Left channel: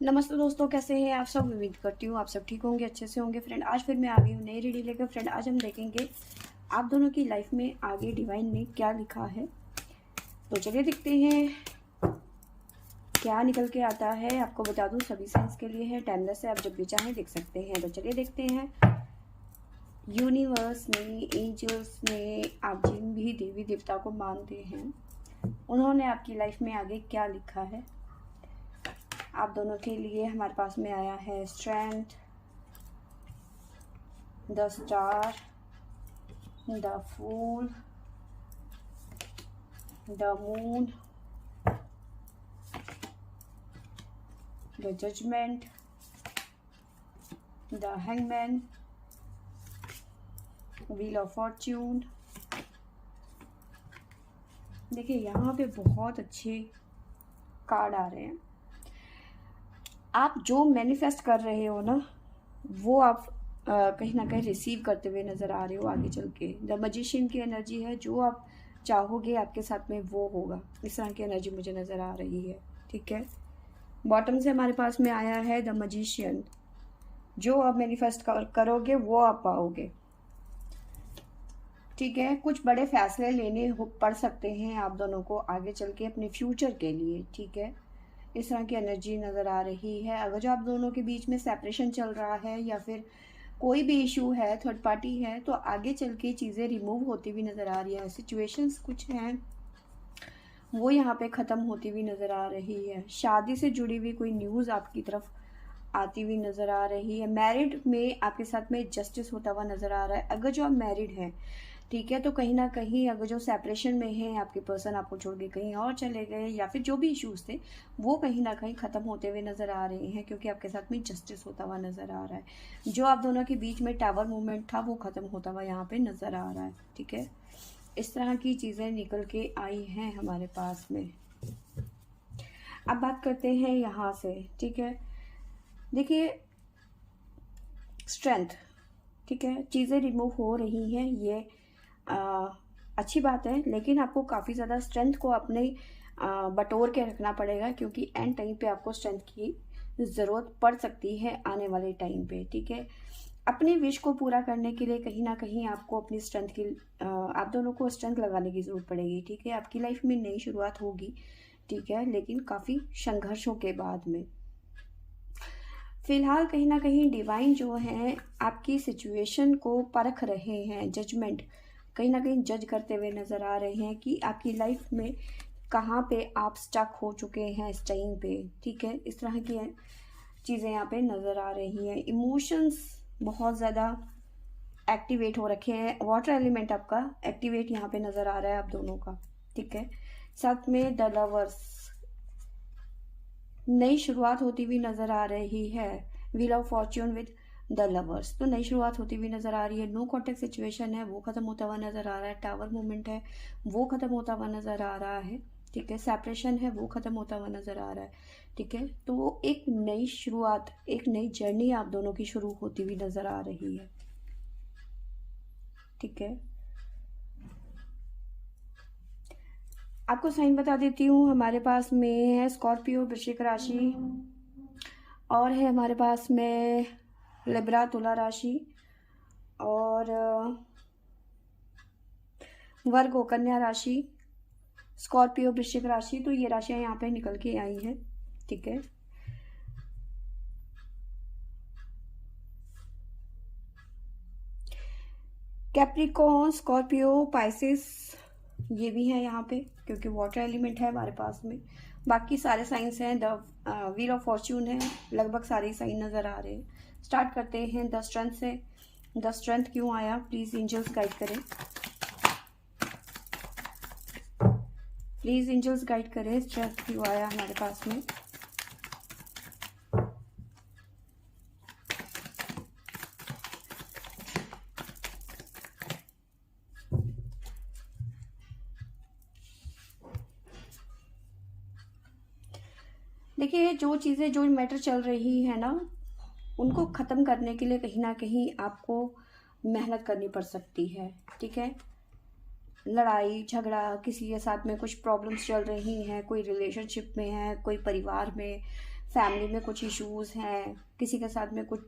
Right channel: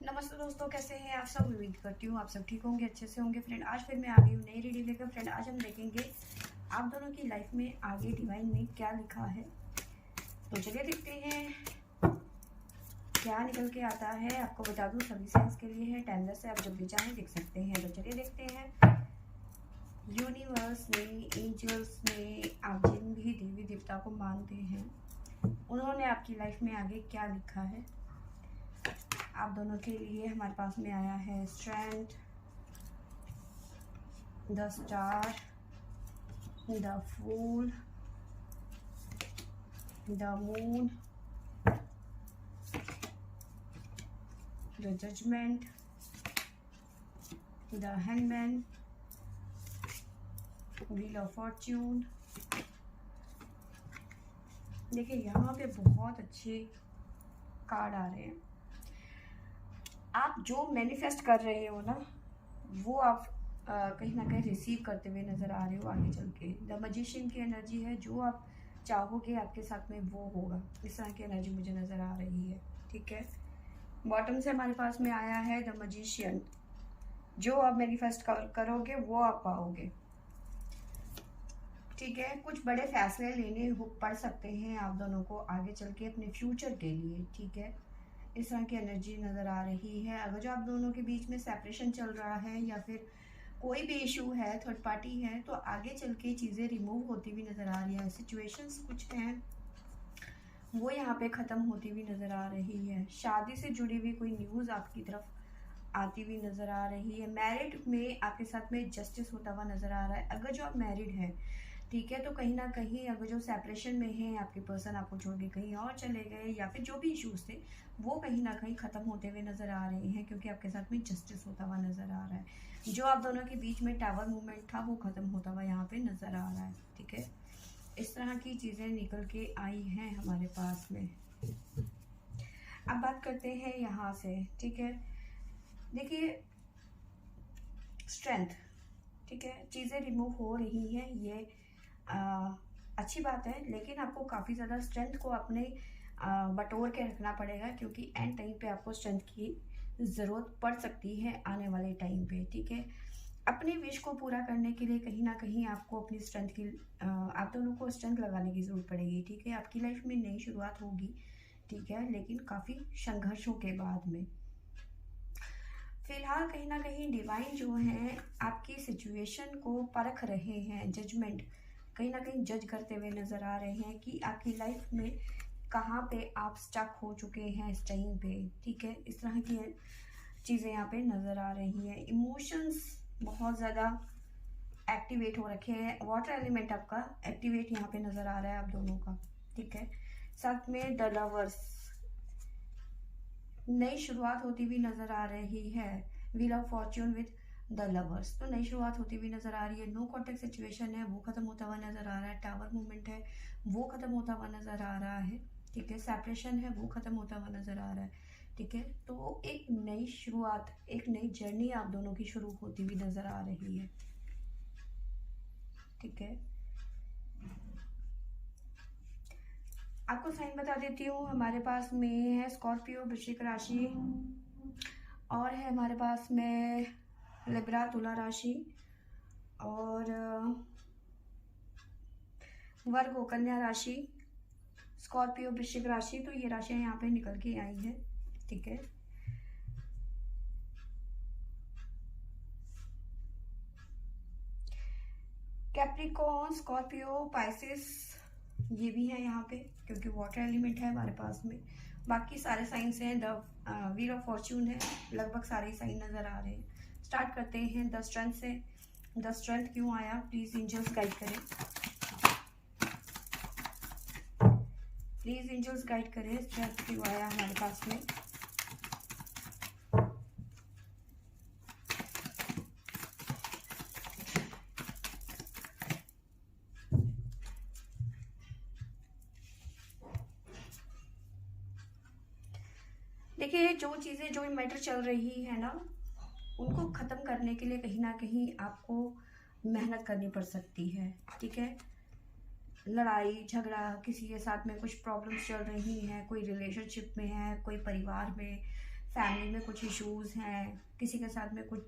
नमस्ते दोस्तों, कैसे हैं आप सब। उम्मीद करती हूँ आप सब ठीक होंगे, अच्छे से होंगे। फ्रेंड, आज फिर मैं आ गई हूँ नई रीडिंग लेकर। फ्रेंड, आज हम देखेंगे आप दोनों की लाइफ में आगे डिवाइन ने क्या लिखा है। तो चलिए देखते हैं क्या निकल के आता है। आपको बता दूँ सभी साइंस के लिए है, टाइमलेस है, आप जब भी चाहें देख सकते हैं। तो चलिए देखते हैं यूनिवर्स ने, एंजल्स ने, आप जिन भी देवी देवता को मानते हैं उन्होंने आपकी लाइफ में आगे क्या लिखा है। आप दोनों के लिए हमारे पास में आया है strength, the star, the fool, the moon, the judgement, the hangman, wheel of fortune. देखिए यहाँ पे बहुत अच्छे कार्ड आ रहे हैं। आप जो मैनिफेस्ट कर रहे हो ना, वो आप कहीं ना कहीं रिसीव करते हुए नज़र आ रहे हो आगे चल के। द मैजिशियन की एनर्जी है, जो आप चाहोगे आपके साथ में वो होगा, इस तरह की एनर्जी मुझे नज़र आ रही है। ठीक है, बॉटम से हमारे पास में आया है द मैजिशियन। जो आप मैनिफेस्ट करोगे वो आप पाओगे। ठीक है, कुछ बड़े फैसले लेने पड़ सकते हैं आप दोनों को आगे चल के अपने फ्यूचर के लिए। ठीक है, इस तरह की एनर्जी नज़र आ रही है। अगर जो आप दोनों के बीच में सेपरेशन चल रहा है या फिर कोई भी इशू है, थर्ड पार्टी है, तो आगे चल के चीज़ें रिमूव होती हुई नज़र आ रही है। सिचुएशंस कुछ हैं वो यहाँ पे ख़त्म होती हुई नज़र आ रही है। शादी से जुड़ी हुई कोई न्यूज़ आपकी तरफ आती हुई नज़र आ रही है। मैरिड में आपके साथ में जस्टिस होता हुआ नज़र आ रहा है। अगर जो आप मैरिड हैं, ठीक है, तो कहीं ना कहीं अगर जो सेपरेशन में है, आपके पर्सन आपको छोड़ के कहीं और चले गए या फिर जो भी इश्यूज थे वो कहीं ना कहीं ख़त्म होते हुए नज़र आ रहे हैं, क्योंकि आपके साथ में जस्टिस होता हुआ नज़र आ रहा है। जो आप दोनों के बीच में टावर मूवमेंट था वो ख़त्म होता हुआ यहाँ पे नज़र आ रहा है। ठीक है, इस तरह की चीज़ें निकल के आई हैं हमारे पास में। अब बात करते हैं यहाँ से। ठीक है, देखिए स्ट्रेंथ, ठीक है, चीज़ें रिमूव हो रही हैं, ये अच्छी बात है, लेकिन आपको काफ़ी ज़्यादा स्ट्रेंथ को अपने बटोर के रखना पड़ेगा, क्योंकि एंड टाइम पे आपको स्ट्रेंथ की ज़रूरत पड़ सकती है आने वाले टाइम पे। ठीक है, अपनी विश को पूरा करने के लिए कहीं ना कहीं आपको अपनी स्ट्रेंथ की आप दोनों को स्ट्रेंथ लगाने की ज़रूरत पड़ेगी। ठीक है, आपकी लाइफ में नई शुरुआत होगी। ठीक है, लेकिन काफ़ी संघर्षों के बाद में। फिलहाल कहीं ना कहीं डिवाइन जो है आपकी सिचुएशन को परख रहे हैं, जजमेंट कहीं ना कहीं जज करते हुए नज़र आ रहे हैं कि आपकी लाइफ में कहाँ पे आप स्टक हो चुके हैं इस टाइम पे। ठीक है, इस तरह की चीज़ें यहाँ पे नज़र आ रही हैं। इमोशंस बहुत ज़्यादा एक्टिवेट हो रखे हैं। वाटर एलिमेंट आपका एक्टिवेट यहाँ पे नज़र आ रहा है आप दोनों का। ठीक है, साथ में द लवर्स, नई शुरुआत होती हुई नजर आ रही है। Wheel of Fortune with the lovers, तो नई शुरुआत होती हुई नजर आ रही है। नो कॉन्टेक्ट सिचुएशन है वो खत्म होता हुआ नजर आ रहा है। टावर मूवमेंट है वो खत्म होता हुआ नजर आ रहा है। ठीक है, सेपरेशन है वो खत्म होता हुआ नजर आ रहा है। ठीक है, तो एक नई शुरुआत, एक नई जर्नी आप दोनों की शुरू होती हुई नजर आ रही है। ठीक है, आपको साइन बता देती हूँ। हमारे पास में है स्कॉर्पियो, वृश्चिक राशि, और है हमारे पास में लिब्रा, तुला राशि, और वर्गो, कन्या राशि, स्कॉर्पियो, वृश्चिक राशि। तो ये राशियां यहाँ पे निकल के आई हैं। ठीक है, कैप्रिकॉर्न, स्कॉर्पियो, पाइसिस, ये भी है यहाँ पे, क्योंकि वाटर एलिमेंट है हमारे पास में। बाकी सारे साइंस हैं। द व्हील ऑफ फॉर्च्यून है, लगभग सारे साइन नज़र आ रहे हैं। स्टार्ट करते हैं द स्ट्रेंथ से। द स्ट्रेंथ क्यों आया, प्लीज़ एंजल्स गाइड करें, प्लीज़ एंजल्स गाइड करें, स्ट्रेंथ क्यों आया हमारे पास में। देखिए जो चीज़ें, जो मैटर चल रही है ना, उनको ख़त्म करने के लिए कहीं ना कहीं आपको मेहनत करनी पड़ सकती है। ठीक है, लड़ाई झगड़ा, किसी के साथ में कुछ प्रॉब्लम्स चल रही हैं, कोई रिलेशनशिप में है, कोई परिवार में, फैमिली में कुछ इश्यूज हैं, किसी के साथ में कुछ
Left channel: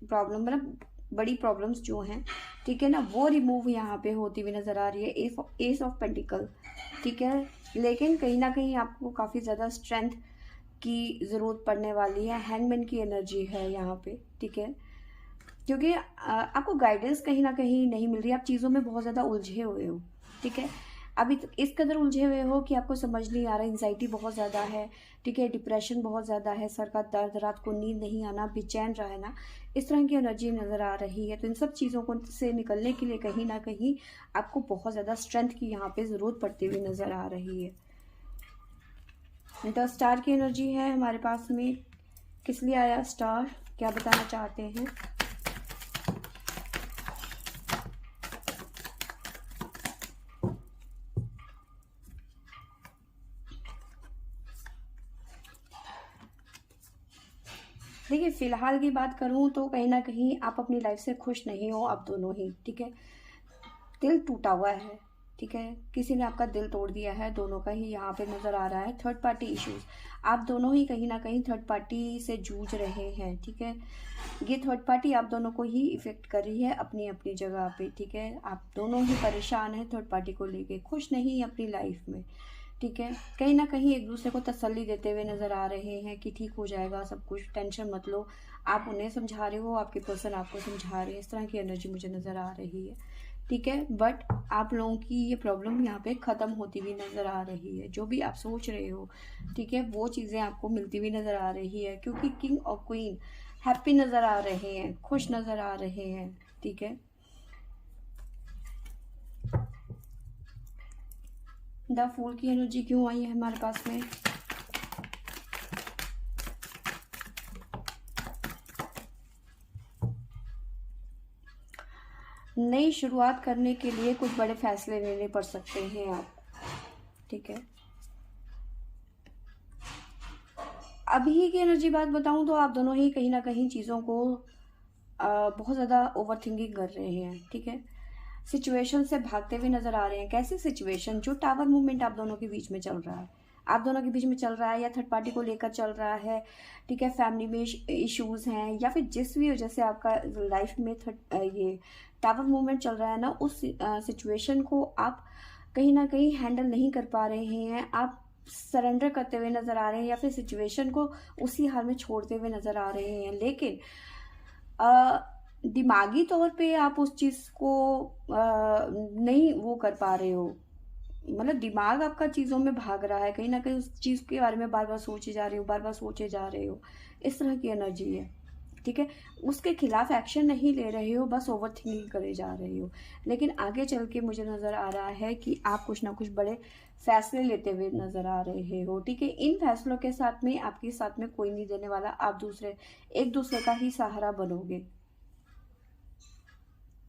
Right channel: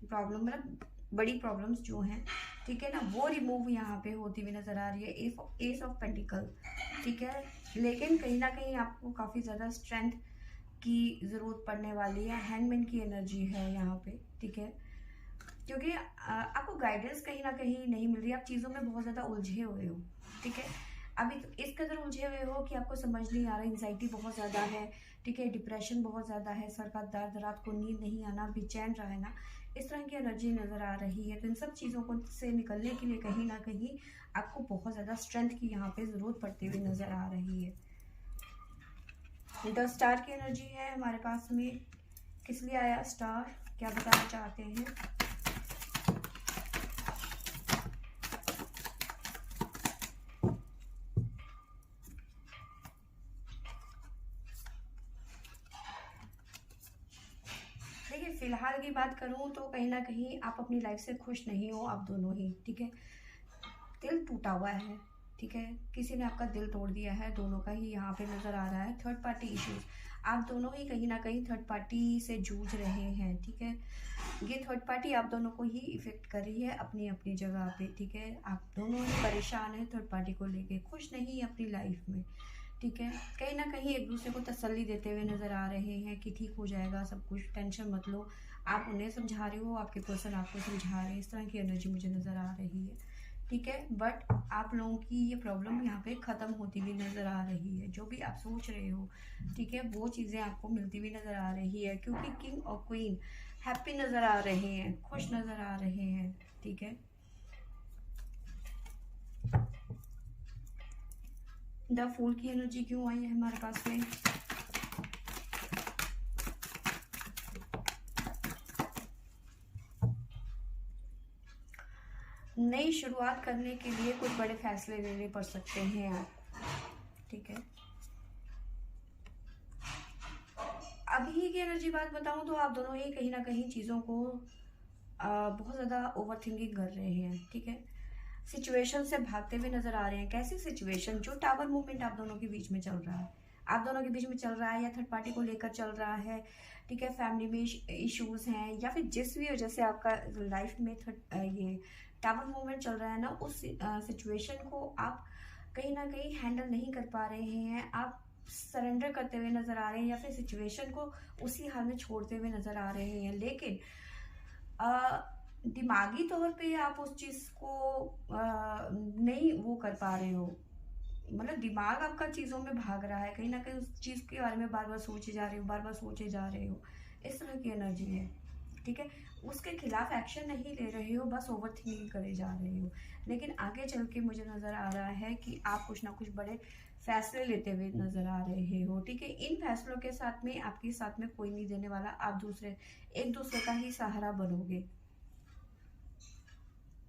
प्रॉब्लम, मतलब बड़ी प्रॉब्लम्स जो हैं, ठीक है ना, वो रिमूव यहाँ पे होती हुई नज़र आ रही है। एस ऑफ पेंटिकल, ठीक है। लेकिन कहीं ना कहीं आपको काफ़ी ज़्यादा स्ट्रेंथ की ज़रूरत पड़ने वाली है। हैंगमैन की एनर्जी है यहाँ पे, ठीक है, क्योंकि आपको गाइडेंस कहीं ना कहीं नहीं मिल रही, आप चीज़ों में बहुत ज़्यादा उलझे हुए हो, ठीक है। अभी तो इस कदर उलझे हुए हो कि आपको समझ नहीं आ रहा, एंजाइटी बहुत ज़्यादा है, ठीक है, डिप्रेशन बहुत ज़्यादा है, सर का दर्द, रात को नींद नहीं आना, बेचैन रहना, इस तरह की एनर्जी नज़र आ रही है। तो इन सब चीज़ों को से निकलने के लिए कहीं ना कहीं आपको बहुत ज़्यादा स्ट्रेंथ की यहाँ पे ज़रूरत पड़ती हुई नज़र आ रही है। द स्टार की एनर्जी है हमारे पास में। किस लिए आया स्टार, क्या बताना चाहते हैं? देखिए, फिलहाल की बात करूं तो कहीं ना कहीं आप अपनी लाइफ से खुश नहीं हो, आप दोनों ही, ठीक है। दिल टूटा हुआ है, ठीक है, किसी ने आपका दिल तोड़ दिया है, दोनों का ही यहाँ पे नज़र आ रहा है। थर्ड पार्टी इश्यूज, आप दोनों ही कहीं ना कहीं थर्ड पार्टी से जूझ रहे हैं, ठीक है। ये थर्ड पार्टी आप दोनों को ही इफेक्ट कर रही है अपनी अपनी जगह पे, ठीक है। आप दोनों ही परेशान हैं थर्ड पार्टी को लेके, खुश नहीं अपनी लाइफ में, ठीक है। कहीं ना कहीं एक दूसरे को तसल्ली देते हुए नज़र आ रहे हैं कि ठीक हो जाएगा सब कुछ, टेंशन मत लो। आप उन्हें समझा रहे हो, आपके पर्सन आपको समझा रहे हैं, इस तरह की एनर्जी मुझे नज़र आ रही है, ठीक है। बट आप लोगों की ये प्रॉब्लम यहाँ पे ख़त्म होती हुई नज़र आ रही है। जो भी आप सोच रहे हो, ठीक है, वो चीज़ें आपको मिलती हुई नज़र आ रही है, क्योंकि किंग और क्वीन हैप्पी नज़र आ रहे हैं, खुश नज़र आ रहे हैं, ठीक है। द फूल की एनर्जी क्यों आई है हमारे पास में? नई शुरुआत करने के लिए कुछ बड़े फैसले लेने पड़ सकते हैं आप, ठीक है। अभी की एनर्जी बात बताऊं तो आप दोनों ही कहीं ना कहीं चीज़ों को बहुत ज़्यादा ओवर थिंकिंग कर रहे हैं, ठीक है। सिचुएशन से भागते हुए नजर आ रहे हैं। कैसी सिचुएशन? जो टावर मूवमेंट आप दोनों के बीच में चल रहा है, आप दोनों के बीच में चल रहा है, या थर्ड पार्टी को लेकर चल रहा है, ठीक है, फैमिली में इश्यूज हैं, या फिर जिस भी वजह से आपका लाइफ में ये टावर मूवमेंट चल रहा है ना, उस सिचुएशन को आप कहीं ना कहीं हैंडल नहीं कर पा रहे हैं, आप सरेंडर करते हुए नजर आ रहे हैं, या फिर सिचुएशन को उसी हाल में छोड़ते हुए नजर आ रहे हैं। लेकिन दिमागी तौर पे आप उस चीज़ को नहीं वो कर पा रहे हो, मतलब दिमाग आपका चीज़ों में भाग रहा है, कहीं ना कहीं उस चीज़ के बारे में बार बार सोचे जा रहे हो, बार बार सोचे जा रहे हो, इस तरह की एनर्जी है, ठीक है। उसके खिलाफ एक्शन नहीं ले रहे हो, बस ओवर थिंकिंग करे जा रहे हो। लेकिन आगे चल के मुझे नज़र आ रहा है कि आप कुछ ना कुछ बड़े फैसले लेते हुए नज़र आ रहे हो, ठीक है। इन फैसलों के साथ में आपके साथ में कोई नहीं देने वाला, आप एक दूसरे का ही सहारा बनोगे,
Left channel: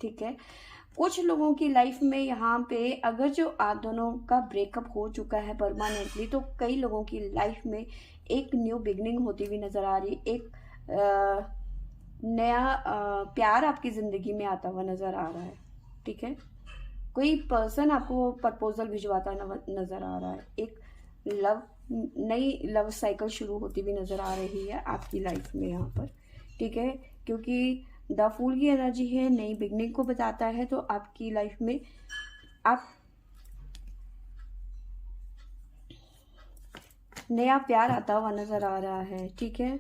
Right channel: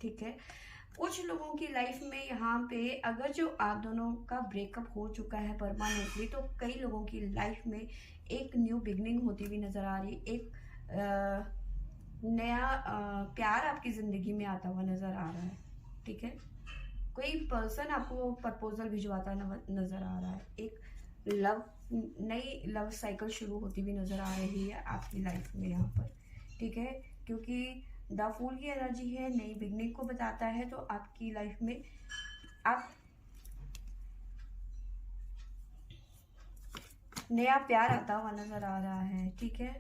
ठीक है। कुछ लोगों की लाइफ में यहाँ पे अगर जो आप दोनों का ब्रेकअप हो चुका है परमानेंटली, तो कई लोगों की लाइफ में एक न्यू बिगनिंग होती हुई नजर आ रही है, एक नया प्यार आपकी जिंदगी में आता हुआ नजर आ रहा है, ठीक है। कोई पर्सन आपको प्रपोजल भिजवाता नजर आ रहा है, एक नई लव साइकिल शुरू होती हुई नजर आ रही है आपकी लाइफ में यहाँ पर, ठीक है। क्योंकि द फूल की एनर्जी है, नई बिगनिंग को बताता है, तो आपकी लाइफ में आप नया प्यार आता हुआ नजर आ रहा है, ठीक है।